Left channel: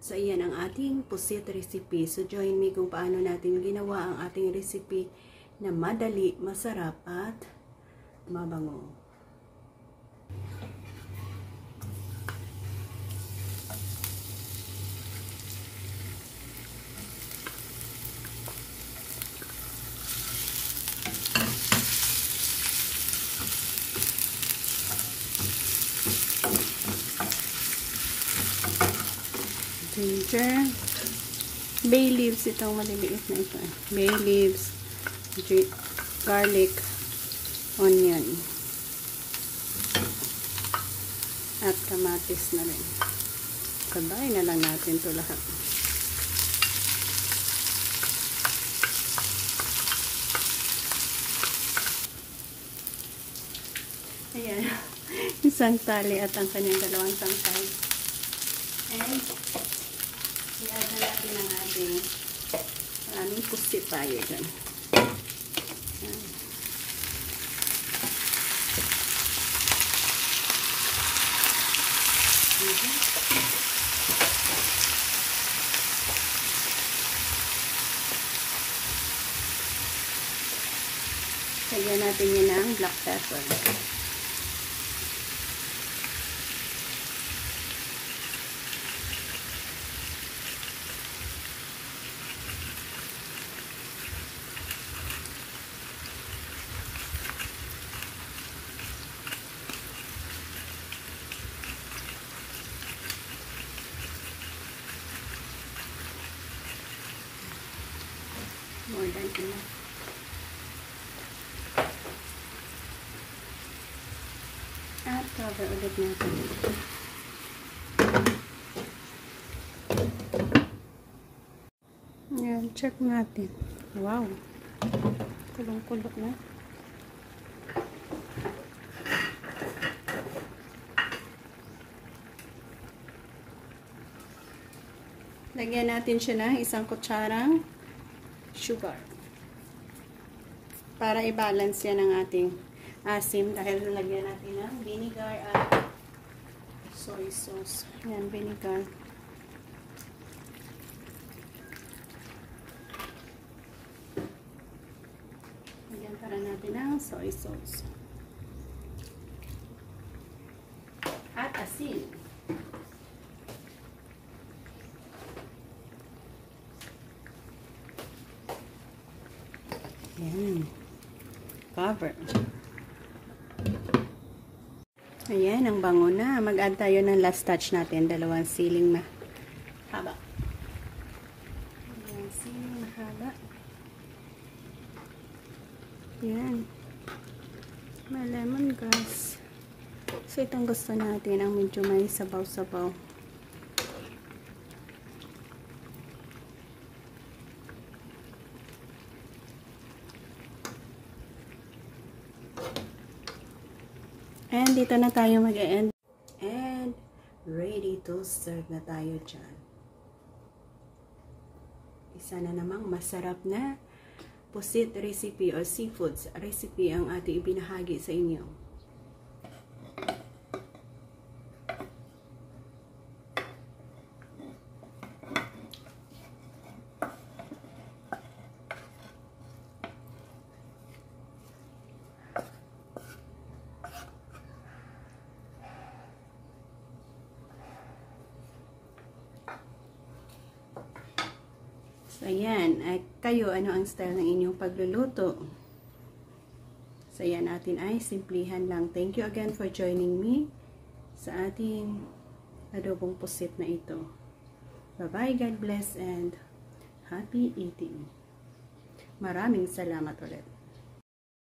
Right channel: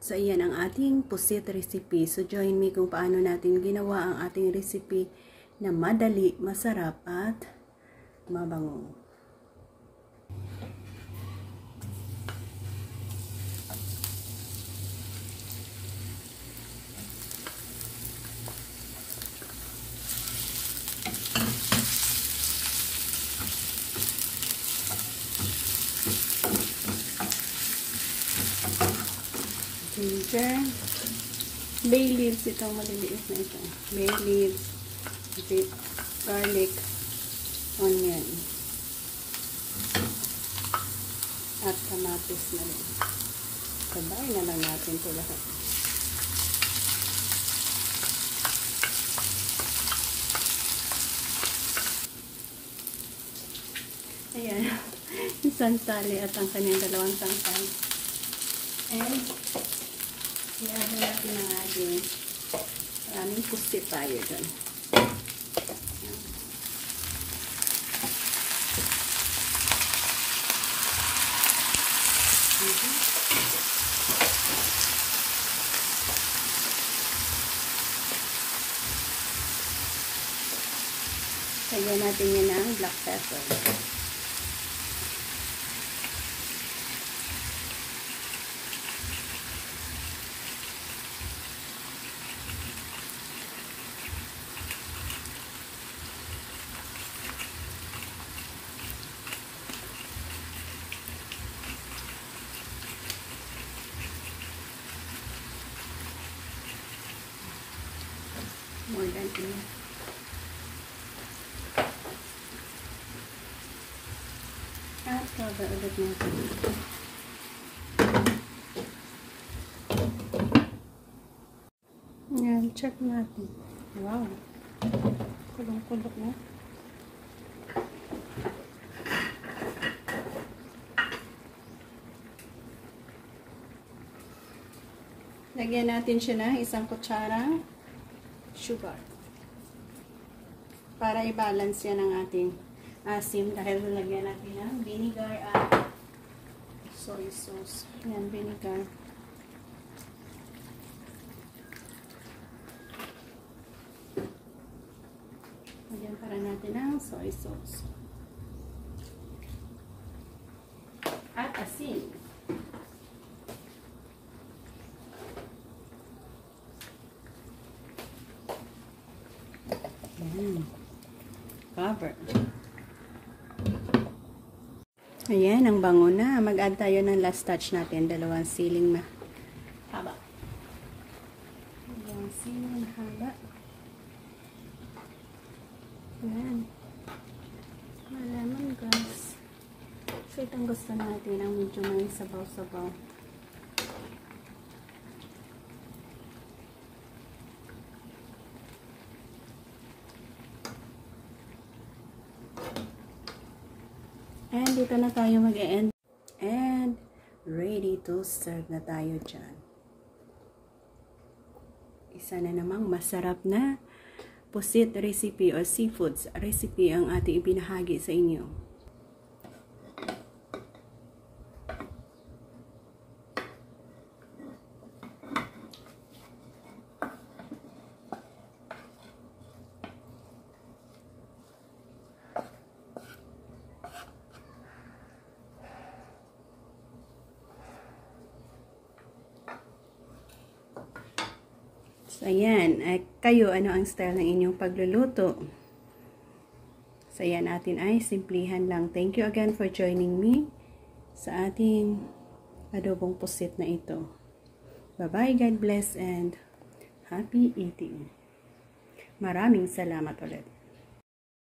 So, ayan ang ating pusit recipe. So, join me kung paano natin ginawa ang ating recipe na madali, masarap at mabango. Ginger, bay leaves, itong maliliit na ito. Bay leaves, garlic, onion, at kamatis na rin. Sabay na lang natin ito lahat. Ayan, isang tali at ang kanyang dalawang tangkay. And i-add na natin ang ating maraming pusit tayo dyan. Lagyan natin yun ng black pepper. More than enough. At cover ulit natin. Ayan, check natin. Wow! Kulong-kulok na. Lagyan natin siya ng isang kutsarang sugar para i-balance yan ang ating asim dahil lagyan natin ng vinegar at soy sauce. Yan, vinegar. Lagyan para natin ng soy sauce at asin. Ayan. Cover. Ayan, ang bango na. Mag-add tayo ng last touch natin. Dalawang siling na haba. Ayan, siling na haba. Ayan. Malaman, guys. So, itong gusto natin ang medyo may sabaw-sabaw. And dito na tayo mag-end. And ready to serve na tayo dyan. Isa na namang masarap na pusit recipe or seafoods recipe ang ating ibinahagi sa inyo. So, ayan. Kayo, ano ang style ng inyong pagluluto? So, ayan natin ay simplihan lang. Thank you again for joining me sa ating adobong pusit na ito. Bye-bye, God bless, and happy eating. Maraming salamat ulit.